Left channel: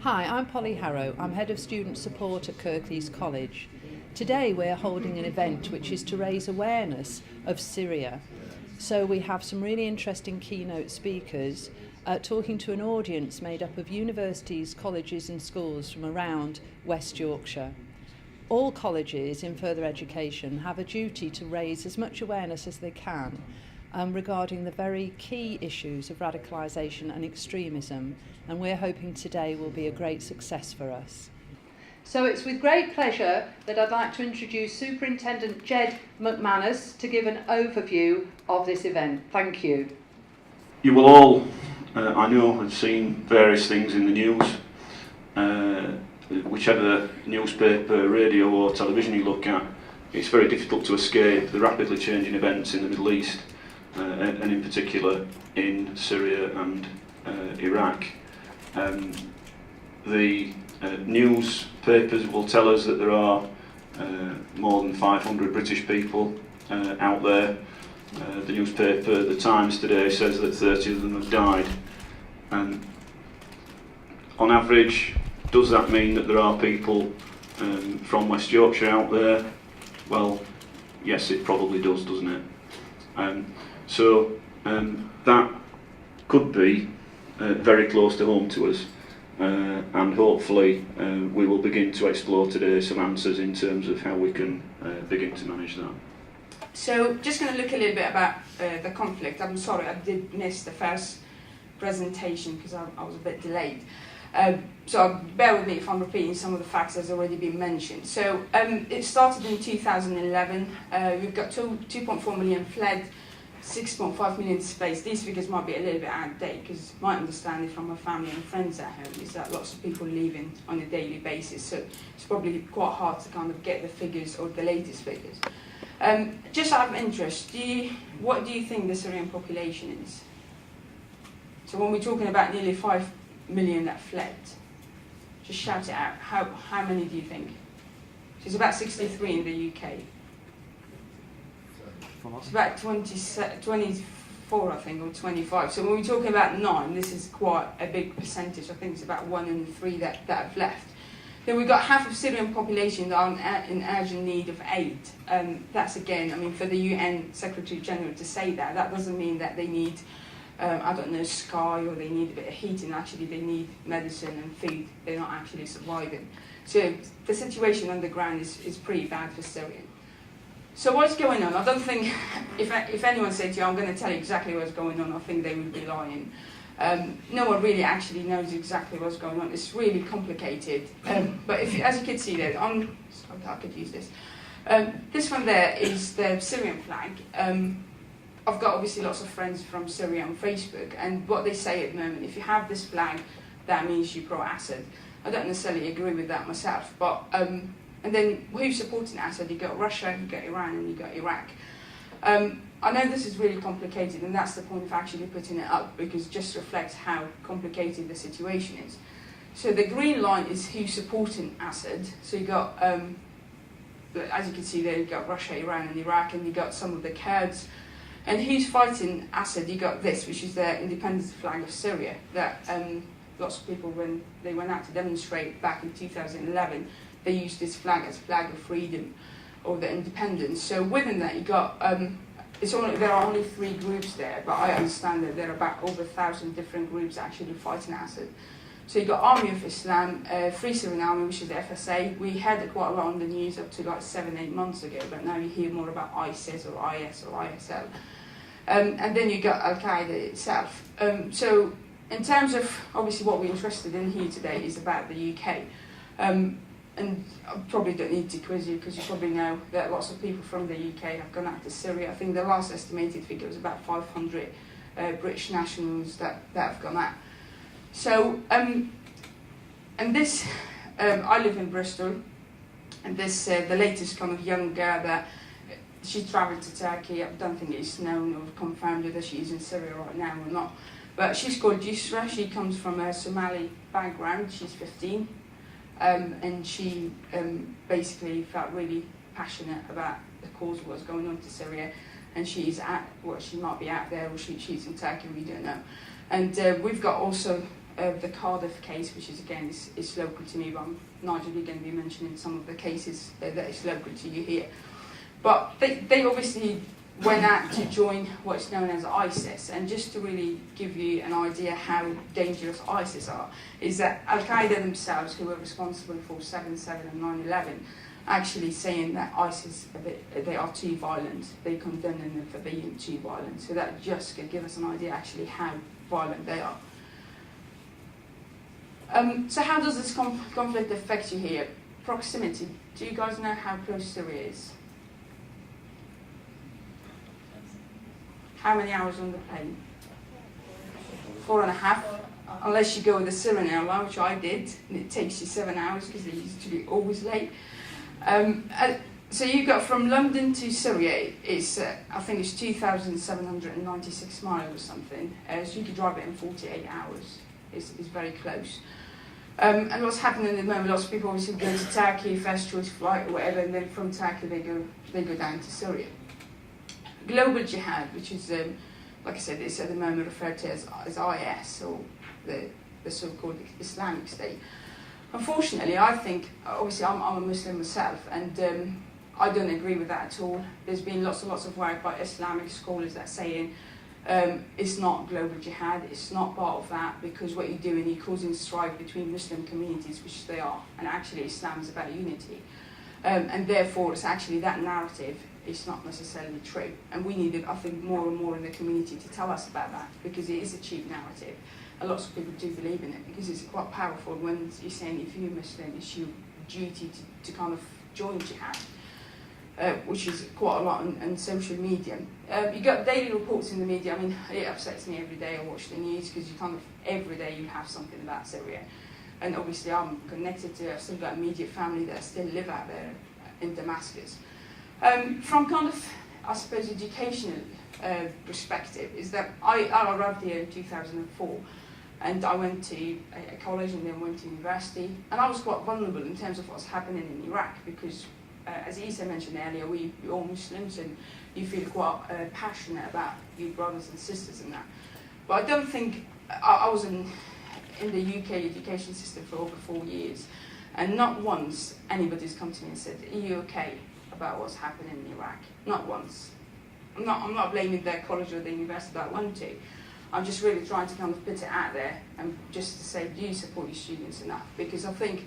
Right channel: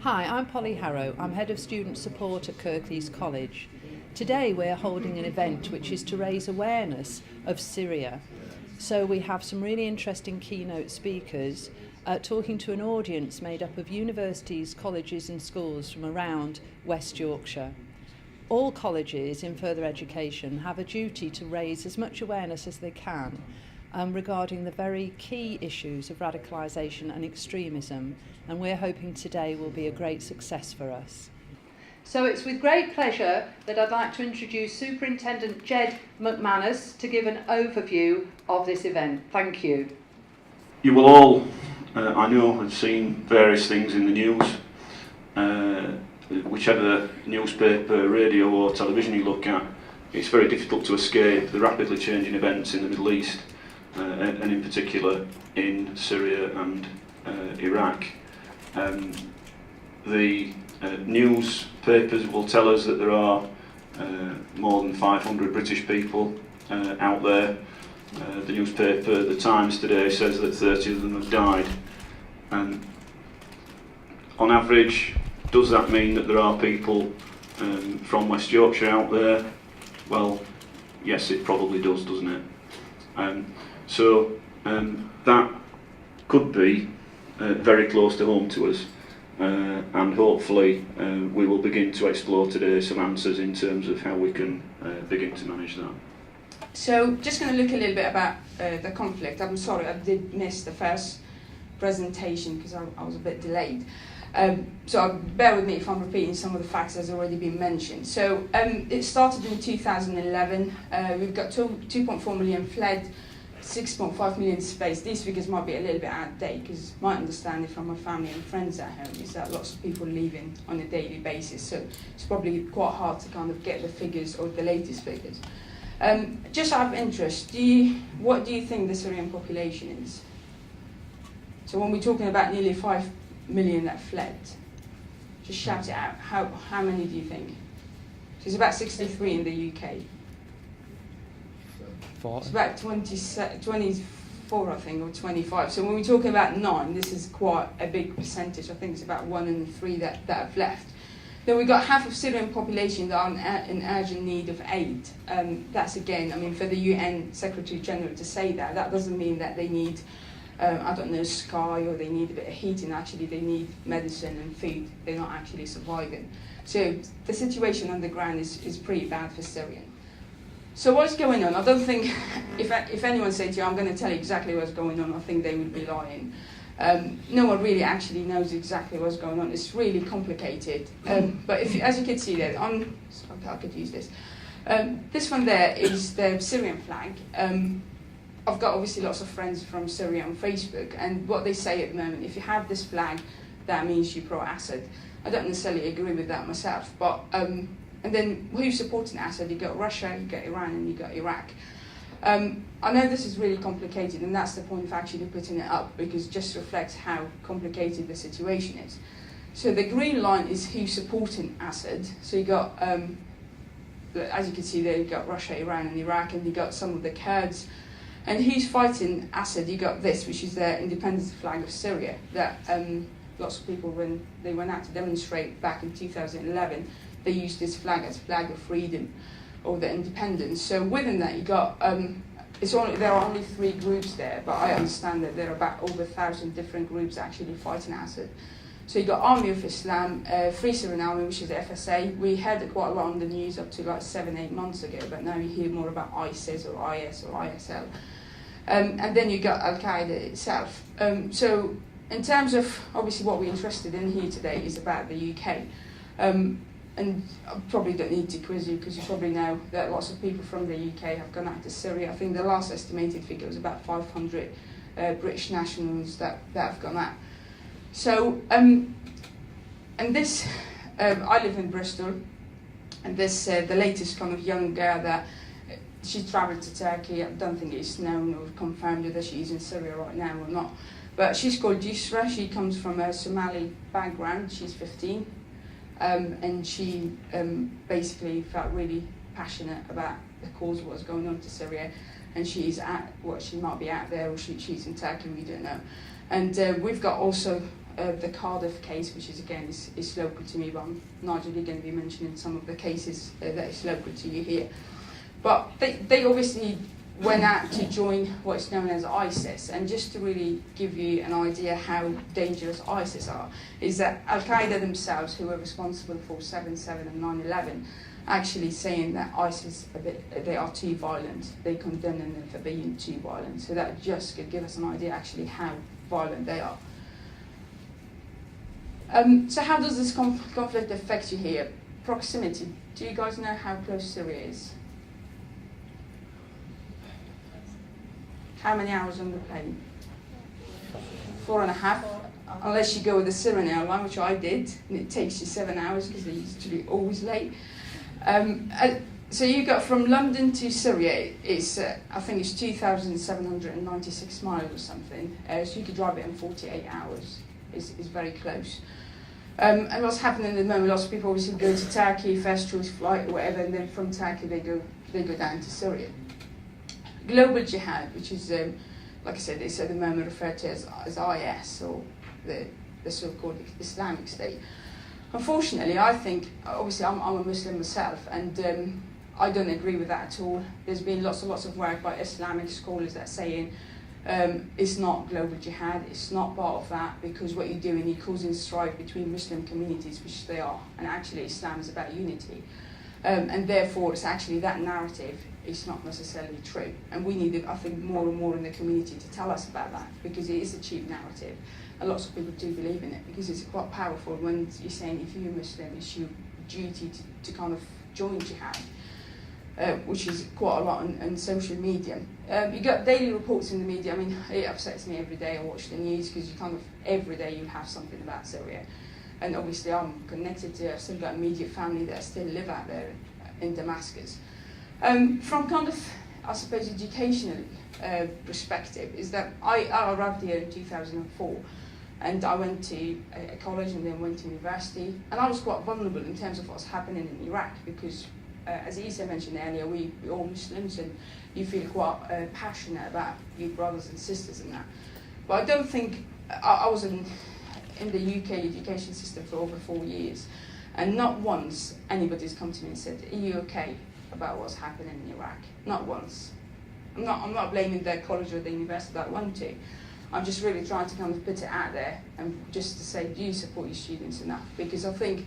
Hi, I'm Polly Harrow. I'm Head of Student Support at Kirklees College. Today we're holding an event which is to raise awareness of Syria. So we have some really interesting keynote speakers talking to an audience made up of universities, colleges and schools from around West Yorkshire. All colleges in further education have a duty to raise as much awareness as they can regarding the very key issues of radicalisation and extremism, and we're hoping today will be a great success for us. So it's with great pleasure that I'd like to introduce Superintendent Jed McManus to give an overview of this event. Thank you. You will all, I know, have seen various things in the news. Whichever newspaper, radio or television you look at, it's very difficult to escape the rapidly changing events in the Middle East, and in particular in Syria and Iraq. The newspapers will tell us that there are more than 500 British people out there. The newspaper, The Times today, says that 30 of them have died. On average, does that mean that there are people from West Yorkshire out there? Well, yes, it probably does, doesn't it? So that could be very close to home to us, and hopefully we will begin to explore today some answers in terms of how we can begin to manage that. So, just going to look a little bit about the conflict. I'm sorry, I did miss the first presentation because I was a bit delayed. So bear with me if I'm repeating some of the facts that's already been mentioned. So it started in 2011. We've got 2.4 million fled, 6.5 million displaced. These figures might be a little bit out of date because my understanding from my family and friends at home is that lots of people leaving on a daily basis. So it's probably quite hard to kind of get the figures or the latest figures. Just out of interest, what do you think the Syrian population is? So when we're talking about nearly 5 million that fled, just shout it out. How many do you think? It's about 63 in the UK. It's about 24, I think, or 25. So when we're talking about 9, this is quite a big percentage. I think it's about 1 in 3 that have left. Then we've got half of Syrian population that are in urgent need of aid. That's again, I mean, for the UN Secretary General to say that doesn't mean that they need I don't know, sky, or they need a bit of heating. Actually, they need medicine and food. They're not actually surviving. So the situation on the ground is pretty bad for Syria. So what's going on? I don't think, if anyone said to you, I'm going to tell you exactly what's going on, I think they would be lying. No one really actually knows exactly what's going on. It's really complicated. But as you can see there, I could use this. This one there is the Syrian flag. I've got obviously lots of friends from Syria on Facebook, and what they say at the moment, if you have this flag, that means you're pro-Assad. I don't necessarily agree with that myself, but and then who's supporting Assad? You've got Russia, you've got Iran, and you've got Iraq. I know this is really complicated, and that's the point of actually putting it up, because it just reflects how complicated the situation is. So the green line is who's supporting Assad. So you've got, as you can see there, you've got Russia, Iran, and Iraq, and you've got some of the Kurds. And who's fighting Assad? You got this, which is the independence flag of Syria, that lots of people, when they went out to demonstrate back in 2011, they used this flag as a flag of freedom or the independence. So within that, you got there are only 3 groups there, but I understand that there are about over 1,000 different groups actually fighting Assad. So you got Army of Islam, Free Syrian Army, which is the FSA. We had it quite a lot on the news up to like 7-8 months ago, but now you hear more about ISIS or IS or ISL. And then you got Al-Qaeda itself. So in terms of, obviously what we're interested in here today is about the UK. And I probably don't need to quiz you, because you probably know that lots of people from the UK have gone out to Syria. I think the last estimated figure was about 500 British nationals that have gone out. So, and this, I live in Bristol, and this, the latest kind of young girl that she travelled to Turkey. I don't think it's known or confirmed whether she's in Syria right now or not. But she's called Yusra. She comes from a Somali background. She's 15. And she basically felt really passionate about the cause of what's going on to Syria. And she's she might be out there, or she's in Turkey, we don't know. And we've got also the Cardiff case, which is again is local to me, but I'm not really going to be mentioning some of the cases that is local to you here. But they obviously went out to join what's known as ISIS, and just to really give you an idea how dangerous ISIS are, is that Al-Qaeda themselves, who are responsible for 7/7 and 9/11, actually saying that ISIS, they are too violent. They condemn them for being too violent. So that just could give us an idea actually how violent they are. So how does this conflict affect you here? Proximity. Do you guys know how close Syria is? How many hours on the plane? 4.5. Unless you go with the Syrian airline, which I did, and it takes you 7 hours because they're usually always late. So you got from London to Syria, it's I think it's 2,796 miles or something. So you could drive it in 48 hours. It's very close. And what's happening at the moment? Lots of people obviously go to Turkey, first choice flight or whatever, and then from Turkey they go down to Syria. Global jihad, which is like I said, it's at the moment referred to as IS, or the so-called Islamic State. Unfortunately, I think, obviously I'm a Muslim myself, and I don't agree with that at all. There's been lots of work by Islamic scholars that are saying it's not global jihad, it's not part of that, because what you're doing, you're causing strife between Muslim communities, which they are, and actually Islam is about unity. And therefore, it's actually that narrative is not necessarily true. And we need, I think, more and more in the community to tell us about that, because it is a cheap narrative. And lots of people do believe in it, because it's quite powerful when you're saying if you're Muslim, it's your duty to kind of join jihad, which is quite a lot on social media. You got daily reports in the media. I mean, it upsets me every day I watch the news, because you kind of, every day you have something about Syria. And obviously I'm connected to, I've still got immediate family that still live out there in Damascus. From kind of, I suppose, educational perspective, is that I arrived here in 2004, and I went to a college and then went to university, and I was quite vulnerable in terms of what's happening in Iraq, because as Isa mentioned earlier, we're all Muslims, and you feel quite passionate about your brothers and sisters in that. But I don't think, I was in the UK education system for over 4 years, and not once anybody's come to me and said, are you okay about what's happening in Iraq? Not once. I'm not blaming their college or the university that I went to. I'm just really trying to kind of put it out there, and just to say, do you support your students in that? Because I think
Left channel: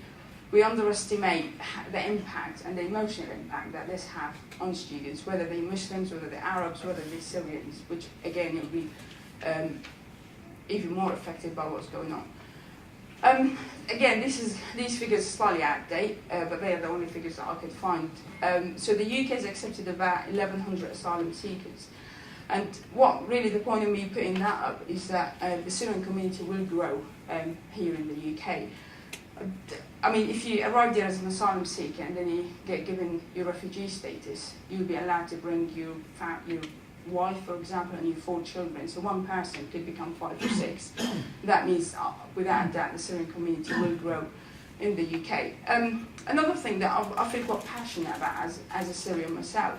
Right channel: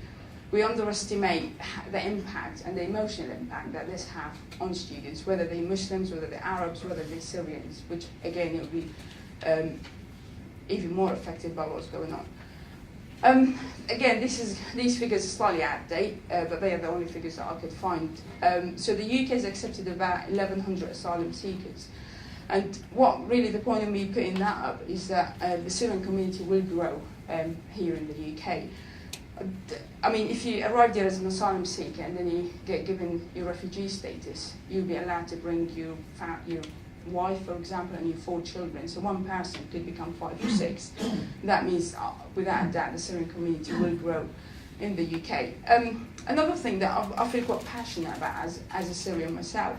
we underestimate the impact and the emotional impact that this has on students, whether they're Muslims, whether they're Arabs, whether they're Syrians, which again, it will be even more affected by what's going on. Again, these figures are slightly out of date, but they are the only figures that I could find. So the UK has accepted about 1,100 asylum seekers. And what really the point of me putting that up is that the Syrian community will grow here in the UK. I mean, if you arrive there as an asylum seeker and then you get given your refugee status, you'll be allowed to bring your wife, for example, and your 4 children. So one person could become 5 or 6. That means, without a doubt, the Syrian community will grow in the UK. Another thing that I feel quite passionate about as a Syrian myself,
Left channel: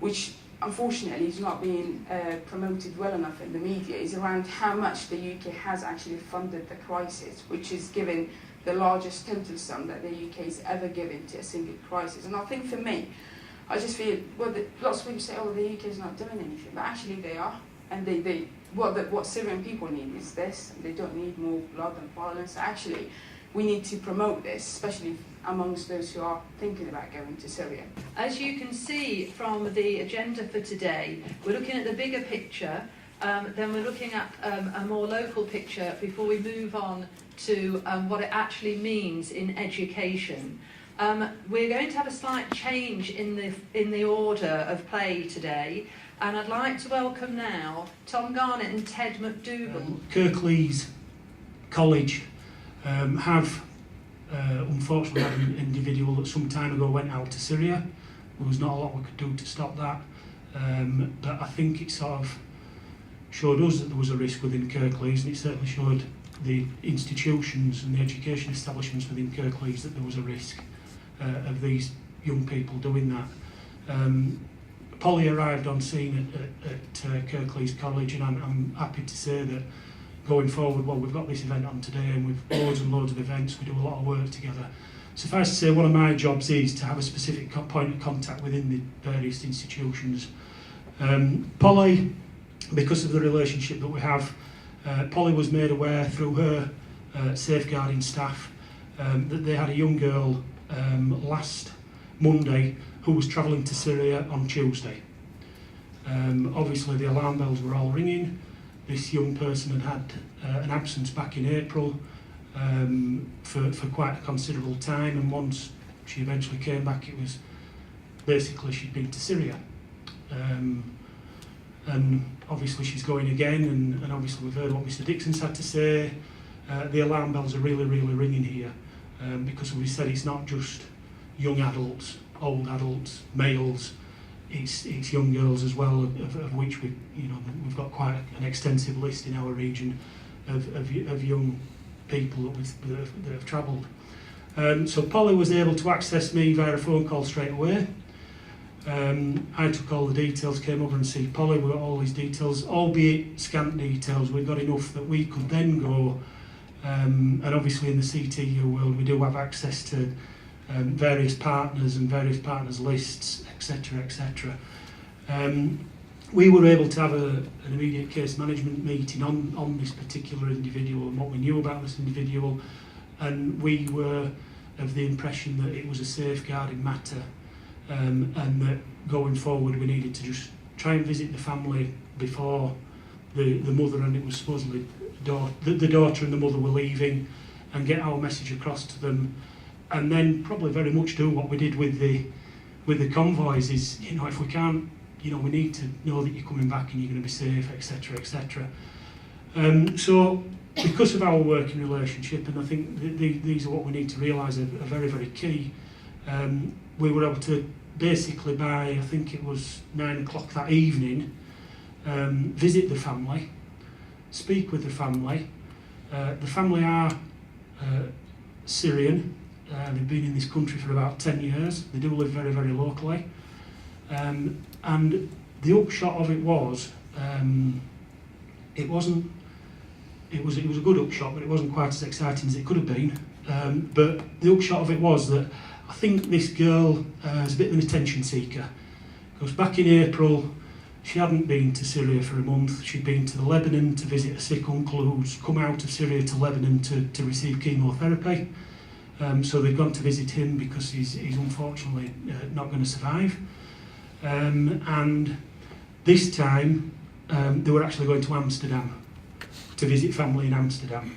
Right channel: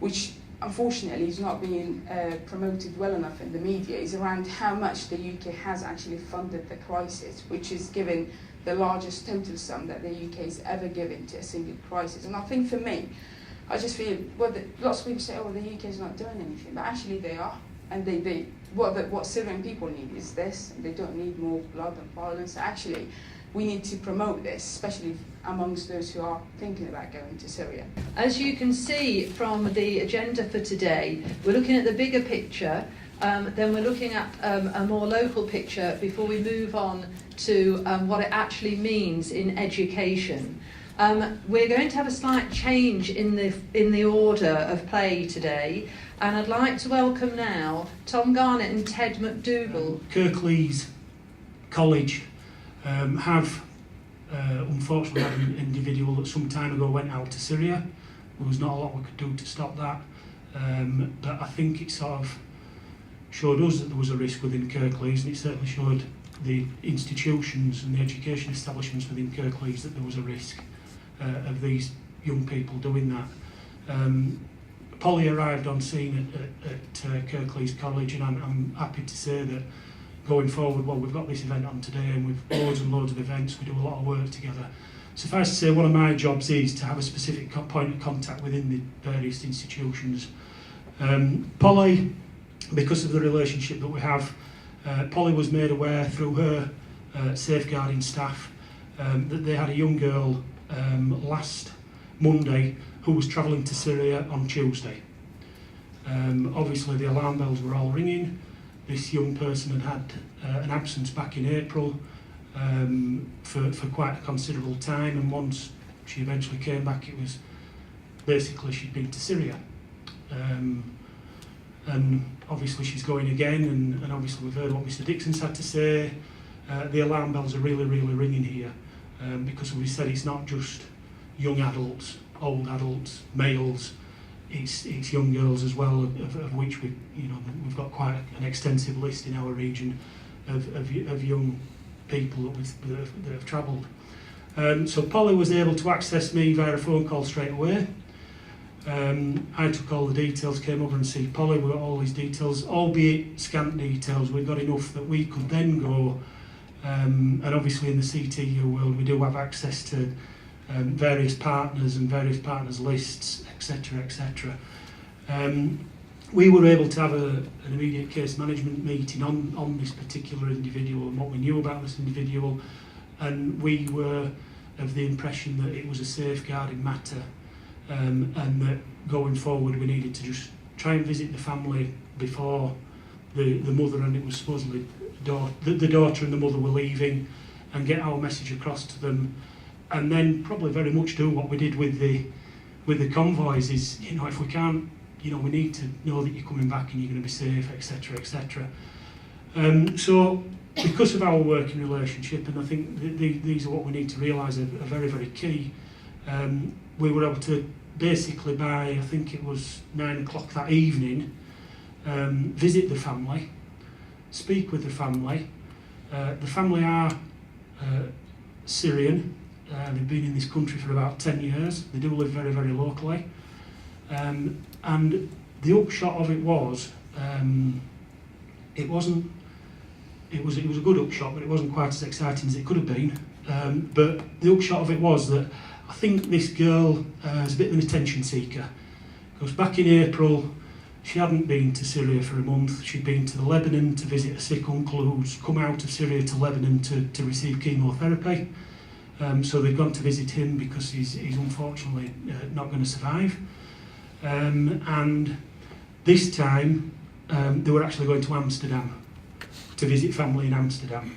which unfortunately is not being promoted well enough in the media, is around how much the UK has actually funded the crisis, which is given the largest total sum that the UK has ever given to a single crisis. And I think for me, I just feel, well, lots of people say, oh, the UK is not doing anything, but actually they are. And what Syrian people need is this. They don't need more blood and violence. Actually, we need to promote this, especially amongst those who are thinking about going to Syria. As you can see from the agenda for today, we're looking at the bigger picture, then we're looking at a more local picture before we move on to what it actually means in education. We're going to have a slight change in the order of play today, and I'd like to welcome now Tom Garnett and Ted McDougall. Kirklees College have unfortunately had an individual that some time ago went out to Syria. There was not a lot we could do to stop that, but I think it sort of showed us that there was a risk within Kirklees, and it certainly showed the institutions and the education establishments within Kirklees that there was a risk of these young people doing that. Polly arrived on scene at Kirklees College, and I'm happy to say that going forward, well, we've got this event on today and we've loads and loads of events, we do a lot of work together. Suffice to say, one of my jobs is to have a specific point of contact within the various institutions. Polly, because of the relationship that we have, Polly was made aware through her safeguarding staff that they had a young girl last Monday who was travelling to Syria on Tuesday. Obviously the alarm bells were all ringing. This young person had an absence back in April for quite a considerable time, and once she eventually came back, it was basically she'd been to Syria. And obviously she's going again, and obviously we've heard what Mr Dixon's had to say. The alarm bells are really, really ringing here, because we said it's not just young adults, old adults, males, it's young girls as well, of which we've got quite an extensive list in our region of young people that have travelled. So Polly was able to access me via a phone call straight away. I took all the details, came over and see Polly. We got all these details, albeit scant details. We got enough that we could then go, and obviously in the CTU world we do have access to various partners and various partners lists, etc., etc. We were able to have an immediate case management meeting on this particular individual and what we knew about this individual, and we were of the impression that it was a safeguarding matter, and that going forward we needed to just try and visit the family before the mother, and it was supposedly the daughter and the mother were leaving, and get our message across to them, and then probably very much do what we did with the convoys is, if we can't, we need to know that you're coming back and you're going to be safe, etc., etc. So because of our working relationship, and I think these are what we need to realise are very, very key, we were able to basically by, I think it was 9 o'clock that evening, visit the family, speak with the family. The family are Syrian. They've been in this country for about 10 years. They do live very, very locally. And the upshot of it was, it was a good upshot, but it wasn't quite as exciting as it could have been. But the upshot of it was that I think this girl is a bit of an attention seeker. Because back in April, she hadn't been to Syria for a month. She'd been to Lebanon to visit a sick uncle who's come out of Syria to Lebanon to receive chemotherapy. So they've gone to visit him because he's unfortunately not going to survive. And this time they were actually going to Amsterdam to visit family in Amsterdam.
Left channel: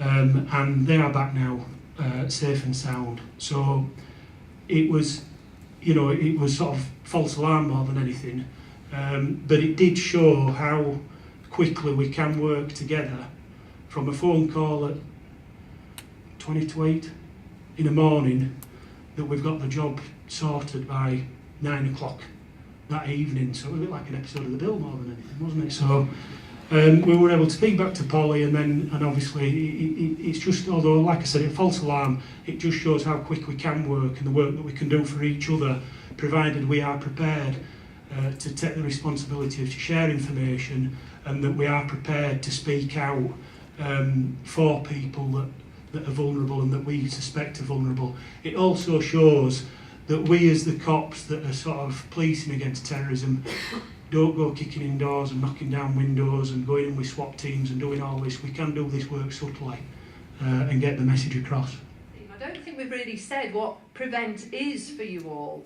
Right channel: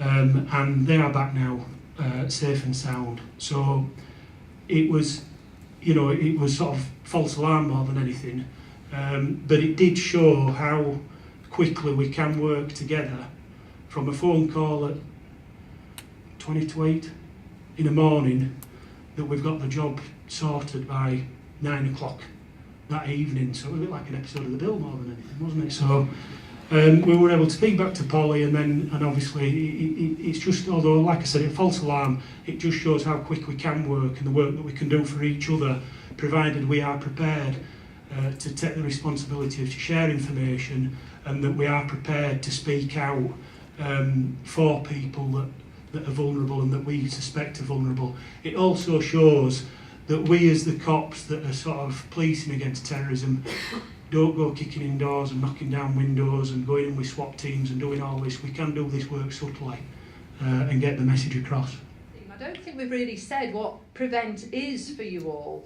And they are back now, safe and sound. So it was, it was sort of false alarm more than anything. But it did show how quickly we can work together from a phone call at 20 to 8 in the morning, that we've got the job sorted by 9 o'clock that evening. So it was a bit like an episode of The Bill more than anything, wasn't it? So we were able to speak back to Polly, and obviously it's just, although like I said, it's false alarm, it just shows how quick we can work and the work that we can do for each other, provided we are prepared to take the responsibility of to share information, and that we are prepared to speak out for people that are vulnerable and that we suspect are vulnerable. It also shows that we as the cops that are sort of policing against terrorism don't go kicking in doors and knocking down windows and going in with SWAT teams and doing all this. We can do this work subtly and get the message across. I don't think we've really said what Prevent is for you all.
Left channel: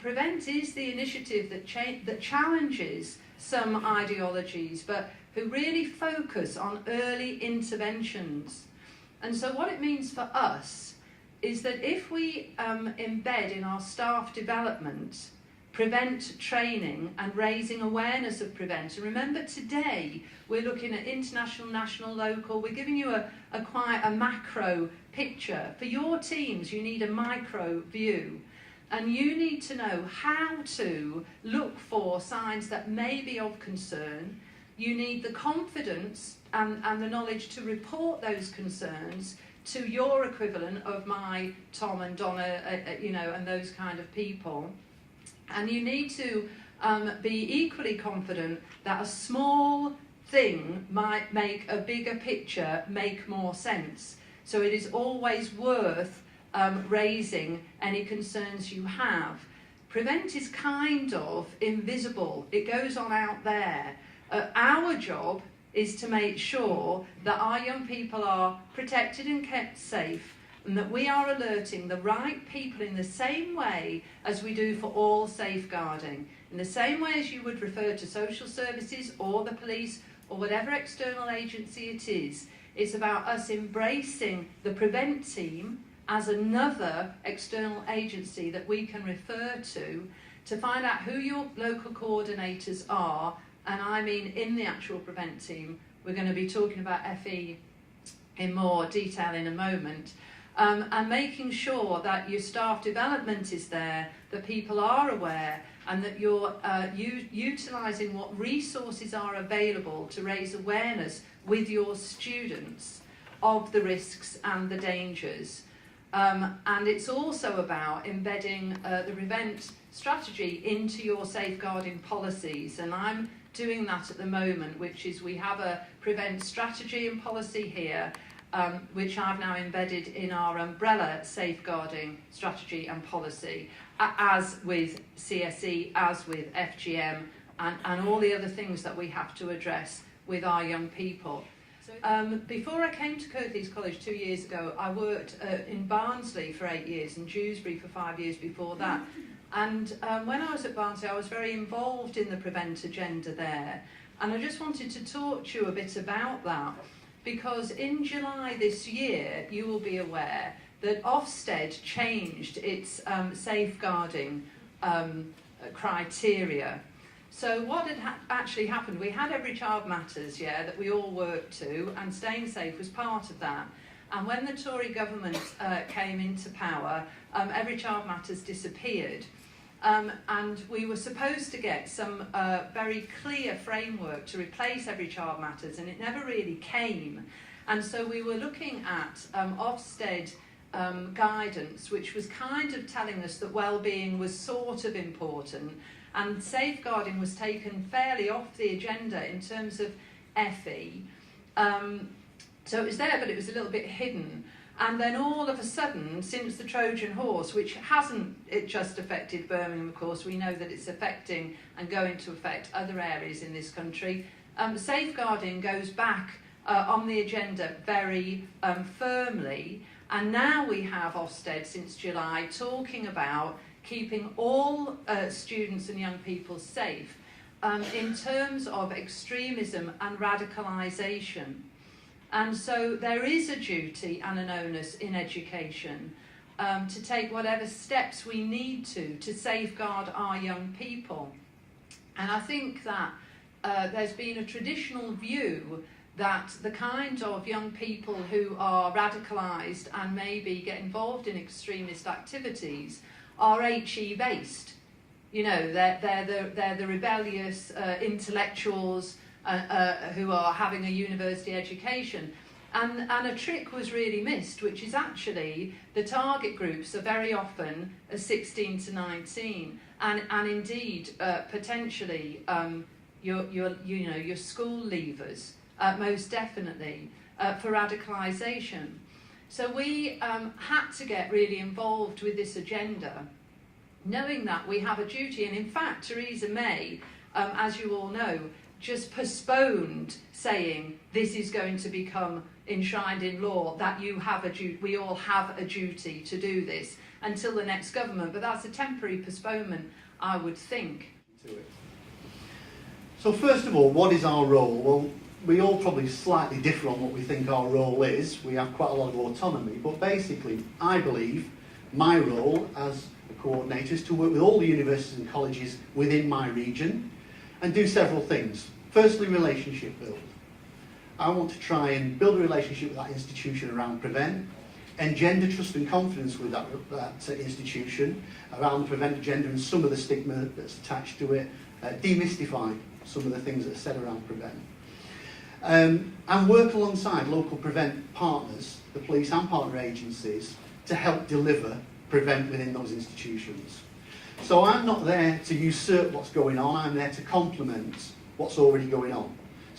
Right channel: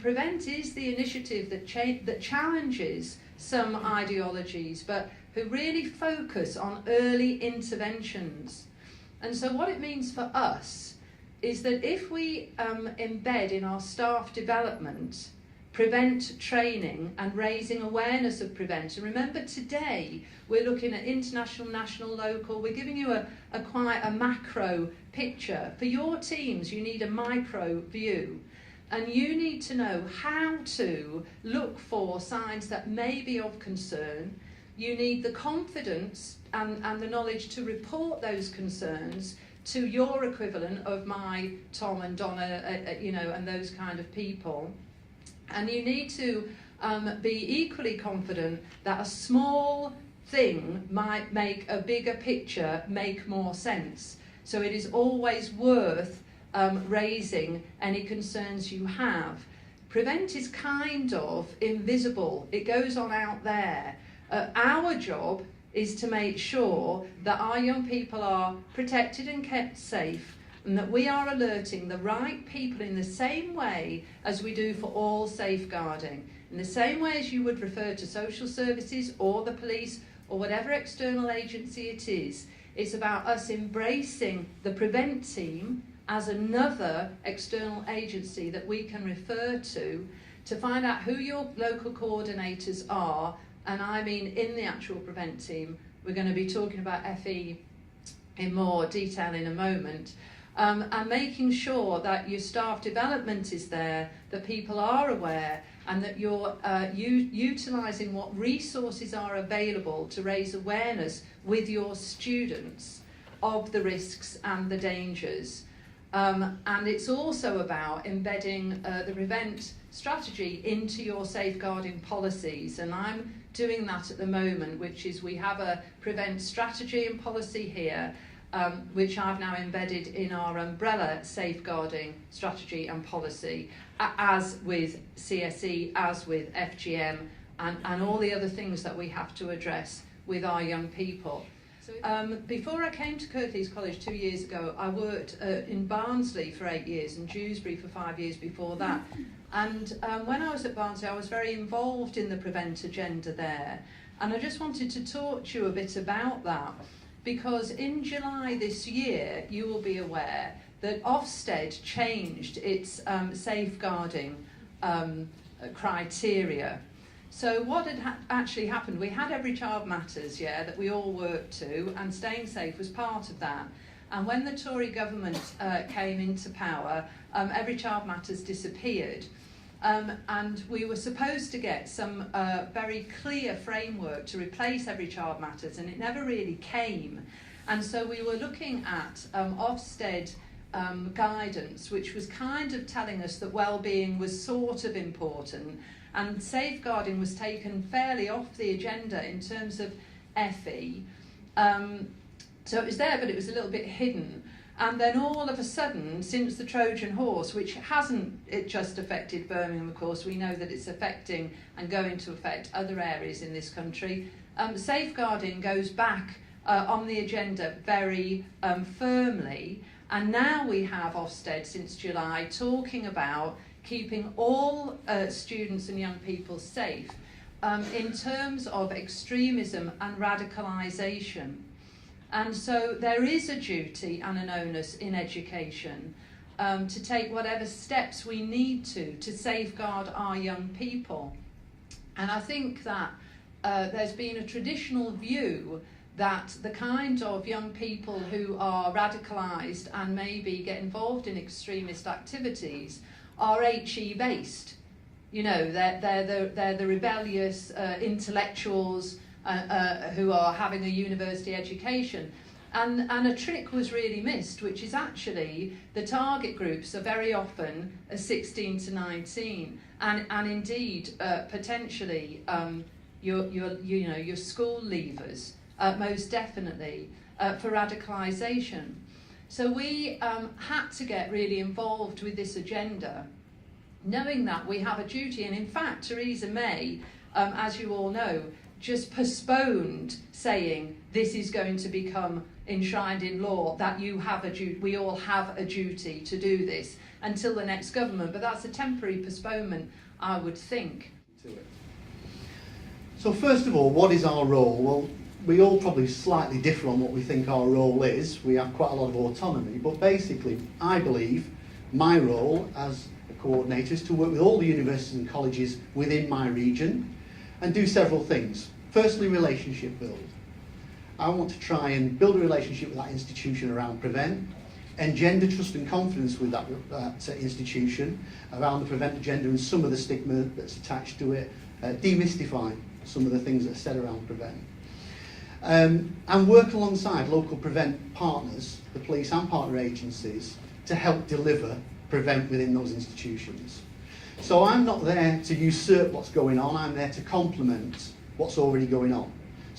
Prevent is the initiative that challenges some ideologies, but who really focus on early interventions. And so what it means for us is that if we embed in our staff development Prevent training and raising awareness of Prevent, and remember today we're looking at international, national, local, we're giving you a quite a macro picture. For your teams you need a micro view, and you need to know how to look for signs that may be of concern. You need the confidence and the knowledge to report those concerns to your equivalent of my Tom and Donna, and those kind of people. And you need to be equally confident that a small thing might make a bigger picture make more sense. So it is always worth raising any concerns you have. Prevent is kind of invisible. It goes on out there. Our job is to make sure that our young people are protected and kept safe, and that we are alerting the right people in the same way as we do for all safeguarding. In the same way as you would refer to social services or the police or whatever external agency it is, it's about us embracing the Prevent team as another external agency that we can refer to find out who your local coordinators are. And I mean in the actual Prevent team. We're going to be talking about FE in more detail in a moment. And making sure that your staff development is there, that people are aware, and that you're utilising what resources are available to raise awareness with your students of the risks and the dangers. And it's also about embedding the Prevent strategy into your safeguarding policies. And I'm doing that at the moment, which is we have a Prevent strategy and policy here, which I've now embedded in our umbrella safeguarding strategy and policy, as with CSE, as with FGM, and all the other things that we have to address with our young people. Before I came to Kirklees College 2 years ago, I worked in Barnsley for 8 years and Dewsbury for 5 years before that. And when I was at Barnsley, I was very involved in the Prevent agenda there. And I just wanted to talk to you a bit about that, because in July this year, you will be aware that Ofsted changed its safeguarding criteria. So what had actually happened, we had Every Child Matters, that we all worked to, and staying safe was part of that. And when the Tory government came into power, Every Child Matters disappeared. And we were supposed to get some very clear framework to replace Every Child Matters, and it never really came. And so we were looking at Ofsted guidance, which was kind of telling us that well-being was sort of important, and safeguarding was taken fairly off the agenda in terms of FE. So it was there, but it was a little bit hidden. And then all of a sudden, since the Trojan horse, which hasn't it just affected Birmingham, of course, we know that it's affecting and going to affect other areas in this country, safeguarding goes back on the agenda very firmly. And now we have Ofsted since July talking about keeping all students and young people safe in terms of extremism and radicalisation. And so there is a duty and an onus in education to take whatever steps we need to safeguard our young people. And I think that there's been a traditional view that the kind of young people who are radicalised and maybe get involved in extremist activities are HE based. You know, they're the rebellious intellectuals who are having a university education. And a trick was really missed, which is actually the target groups are very often 16 to 19, and indeed potentially your school leavers, most definitely for radicalisation. So we had to get really involved with this agenda, knowing that we have a duty. And in fact, Theresa May, as you all know, just postponed saying this is going to become enshrined in law, that you have a we all have a duty to do this until the next government. But that's a temporary postponement, I would think. So first of all, what is our role? Well, we all probably slightly differ on what we think our role is. We have quite a lot of autonomy, but basically I believe my role as a coordinator is to work with all the universities and colleges within my region and do several things. Firstly, relationship build. I want to try and build a relationship with that institution around Prevent, engender trust and confidence with that institution around the Prevent agenda and some of the stigma that's attached to it, demystify some of the things that are said around Prevent. And work alongside local Prevent partners, the police and partner agencies, to help deliver Prevent within those institutions. So I'm not there to usurp what's going on, I'm there to complement what's already going on.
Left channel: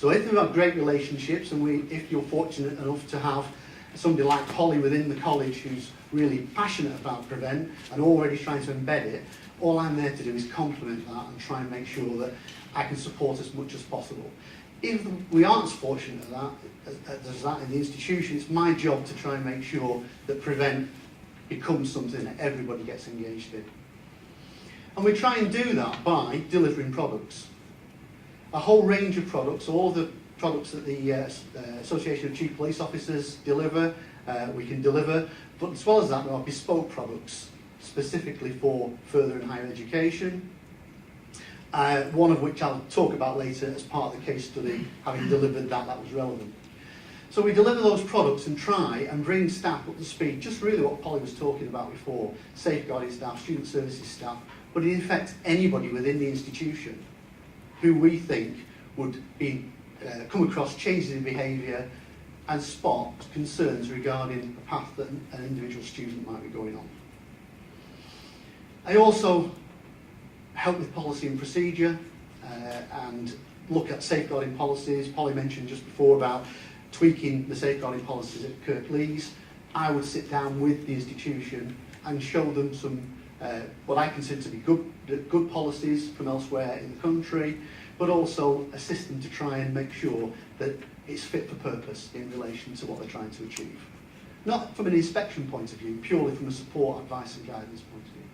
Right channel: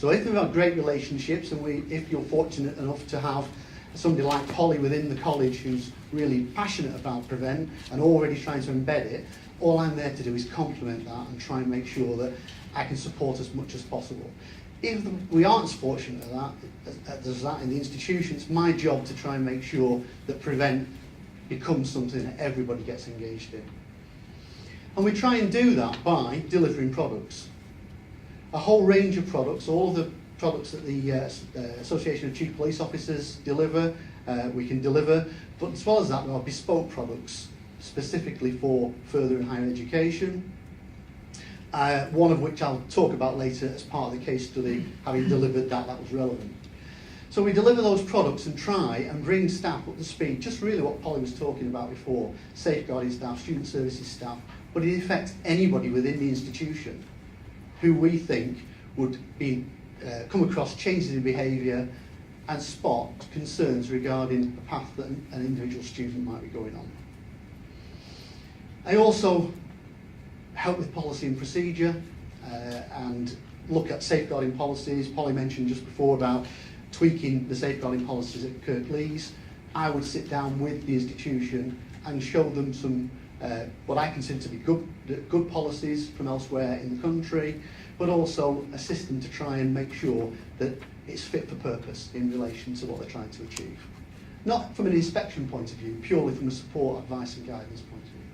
So if we've got great relationships, and if you're fortunate enough to have somebody like Polly within the college who's really passionate about Prevent and already trying to embed it, all I'm there to do is complement that and try and make sure that I can support as much as possible. If we aren't fortunate as that in the institution, it's my job to try and make sure that Prevent becomes something that everybody gets engaged in. And we try and do that by delivering products. A whole range of products, all the products that the Association of Chief Police Officers deliver, we can deliver, but as well as that there are bespoke products specifically for further and higher education, one of which I'll talk about later as part of the case study, having delivered that was relevant. So we deliver those products and try and bring staff up to speed, just really what Polly was talking about before, safeguarding staff, student services staff, but in effect anybody within the institution who we think would be come across changes in behaviour and spot concerns regarding the path that an individual student might be going on. I also help with policy and procedure and look at safeguarding policies. Polly mentioned just before about tweaking the safeguarding policies at Kirklees. I would sit down with the institution and show them some what I consider to be good policies from elsewhere in the country, but also assist them to try and make sure that it's fit for purpose in relation to what they're trying to achieve. Not from an inspection point of view, purely from a support, advice and guidance point of view.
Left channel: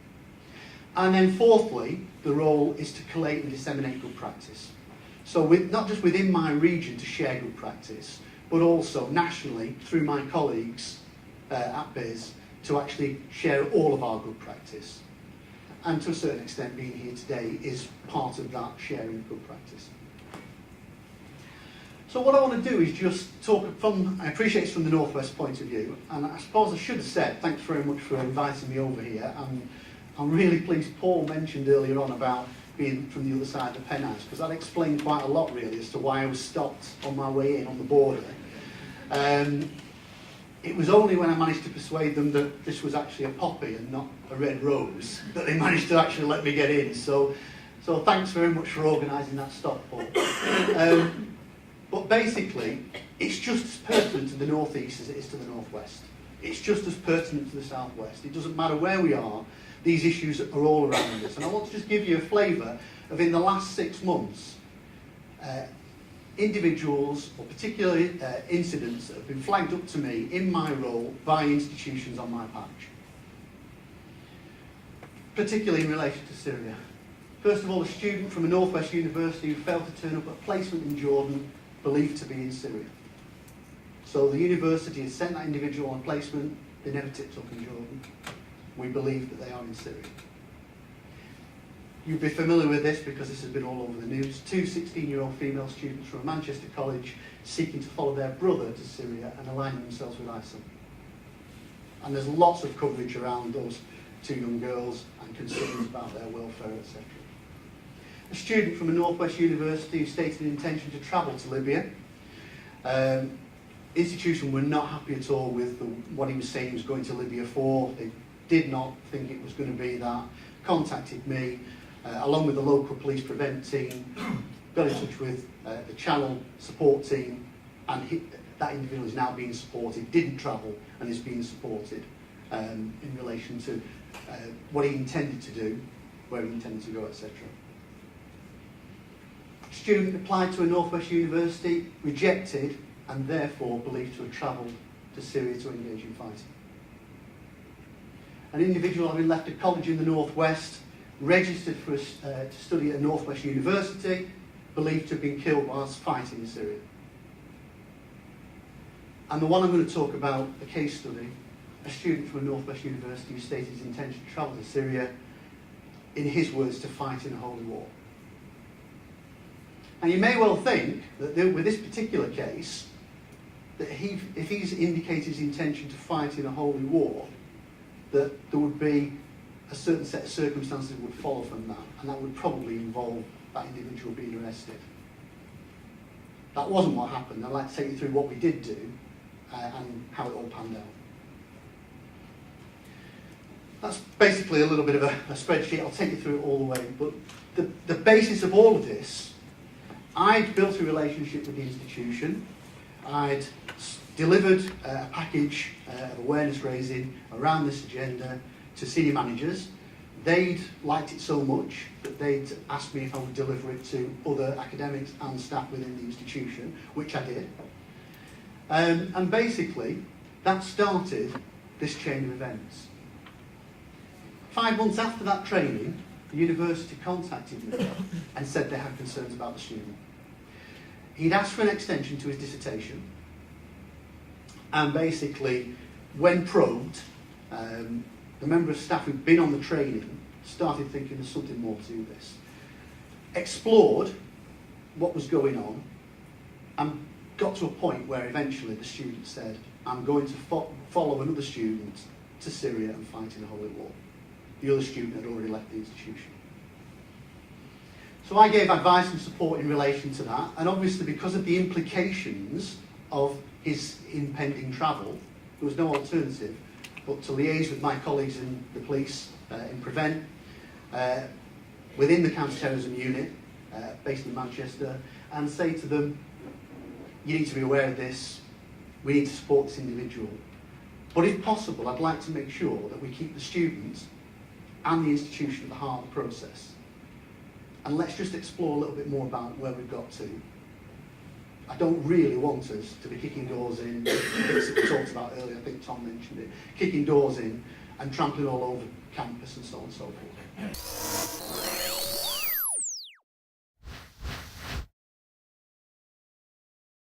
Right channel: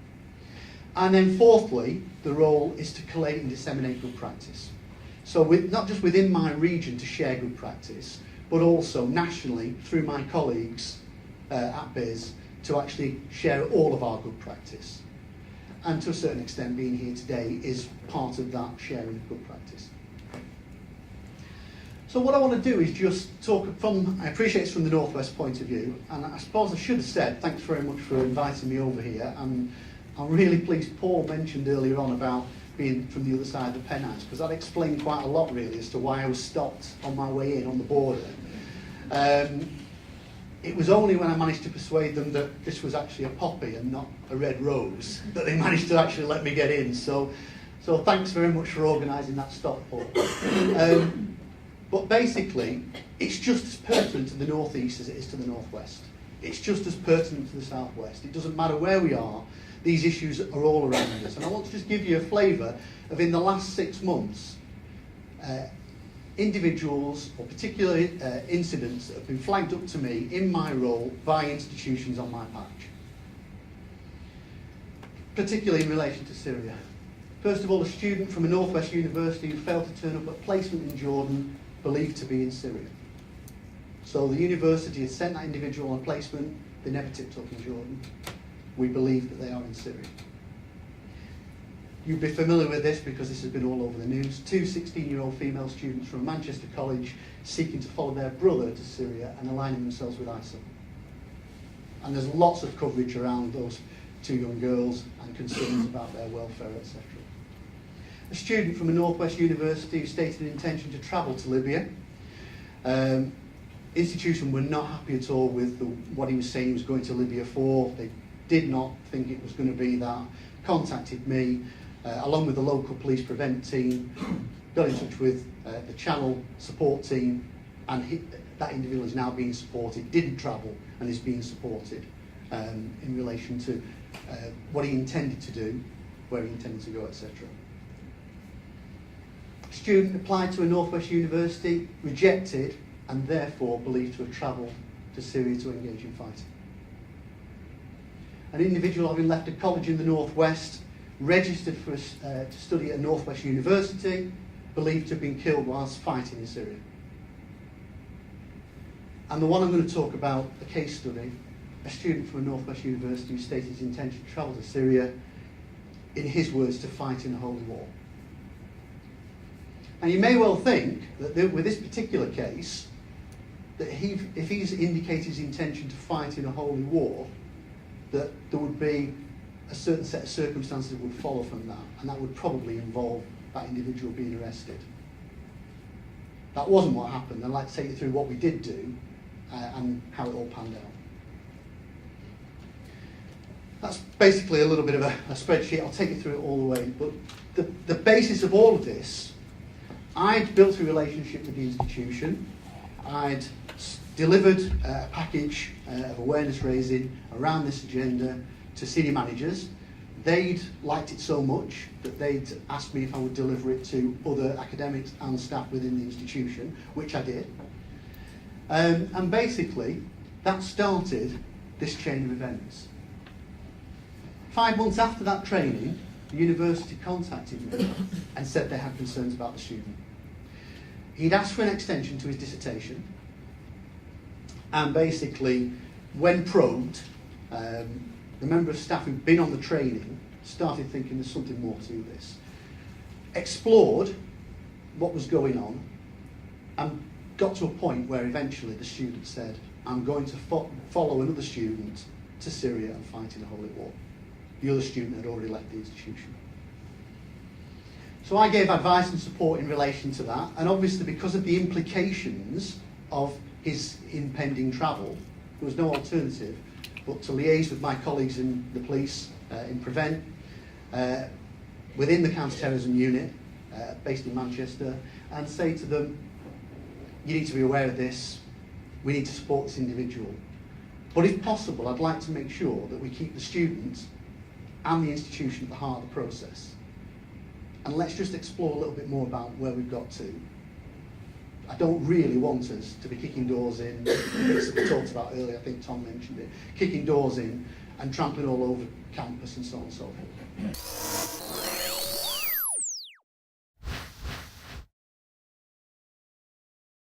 And then fourthly, the role is to collate and disseminate good practice. So not just within my region to share good practice, but also nationally through my colleagues at BIS to actually share all of our good practice. And to a certain extent, being here today is part of that sharing good practice. So what I want to do is just talk from, I appreciate it's from the Northwest point of view, and I suppose I should have said, thanks very much for inviting me over here. I'm really pleased Paul mentioned earlier on about being from the other side of the Pennines, because that explained quite a lot really as to why I was stopped on my way in on the border. It was only when I managed to persuade them that this was actually a poppy and not a red rose that they managed to actually let me get in. So thanks very much for organising that stop, Paul. But basically, it's just as pertinent to the northeast as it is to the northwest. It's just as pertinent to the southwest. It doesn't matter where we are, these issues are all around us. And I want to just give you a flavour of, in the last 6 months, individuals or particular incidents that have been flagged up to me in my role by institutions on my patch, particularly in relation to Syria. First of all, a student from a Northwest university who failed to turn up at placement in Jordan, believed to be in Syria. So the university had sent that individual on a placement, they never tipped up in Jordan. We believe that they are in Syria. You'll be familiar with this because this has been all over the news. 2 16-year-old female students from Manchester College seeking to follow their brother to Syria and aligning themselves with ISIL. And there's lots of coverage around those 2 young girls and concerns about their welfare, etc. A student from a Northwest university who stated an intention to travel to Libya. Institution were not happy at all with what he was saying he was going to Libya for. They did not think it was going to be that. Contacted me. Along with the local police prevent team, got in touch with the channel support team, and that individual is now being supported, didn't travel and is being supported in relation to what he intended to do, where he intended to go, etc. Student applied to a Northwest university, rejected, and therefore believed to have travelled to Syria to engage in fighting. An individual having left a college in the Northwest, registered for to study at Northwest University, believed to have been killed whilst fighting in Syria. And the one I'm going to talk about, the case study, a student from a Northwest University who stated his intention to travel to Syria, in his words, to fight in a holy war. And you may well think that with this particular case, that if he's indicated his intention to fight in a holy war, that there would be a certain set of circumstances that would follow from that, and that would probably involve that individual being arrested. That wasn't what happened. I'd like to take you through what we did do and how it all panned out. That's basically a little bit of a spreadsheet. I'll take you through it all the way. But the basis of all of this, I'd built a relationship with the institution. I'd delivered a package of awareness raising around this agenda to senior managers. They'd liked it so much that they'd asked me if I would deliver it to other academics and staff within the institution, which I did. And basically, that started this chain of events. 5 months after that training, the university contacted me and said they had concerns about the student. He'd asked for an extension to his dissertation, and basically, when probed, the member of staff who'd been on the training started thinking there's something more to this. Explored what was going on, and got to a point where eventually the student said, I'm going to follow another student to Syria and fight in a holy war. The other student had already left the institution. So I gave advice and support in relation to that, and obviously because of the implications of his impending travel, there was no alternative but to liaise with my colleagues in the police, in Prevent, within the counter-terrorism unit, based in Manchester, and say to them, you need to be aware of this, we need to support this individual. But if possible, I'd like to make sure that we keep the students and the institution at the heart of the process. And let's just explore a little bit more about where we've got to. I don't really want us to be kicking doors in, bits that we talked about earlier, I think Tom mentioned it, kicking doors in and trampling all over campus and so on and so forth.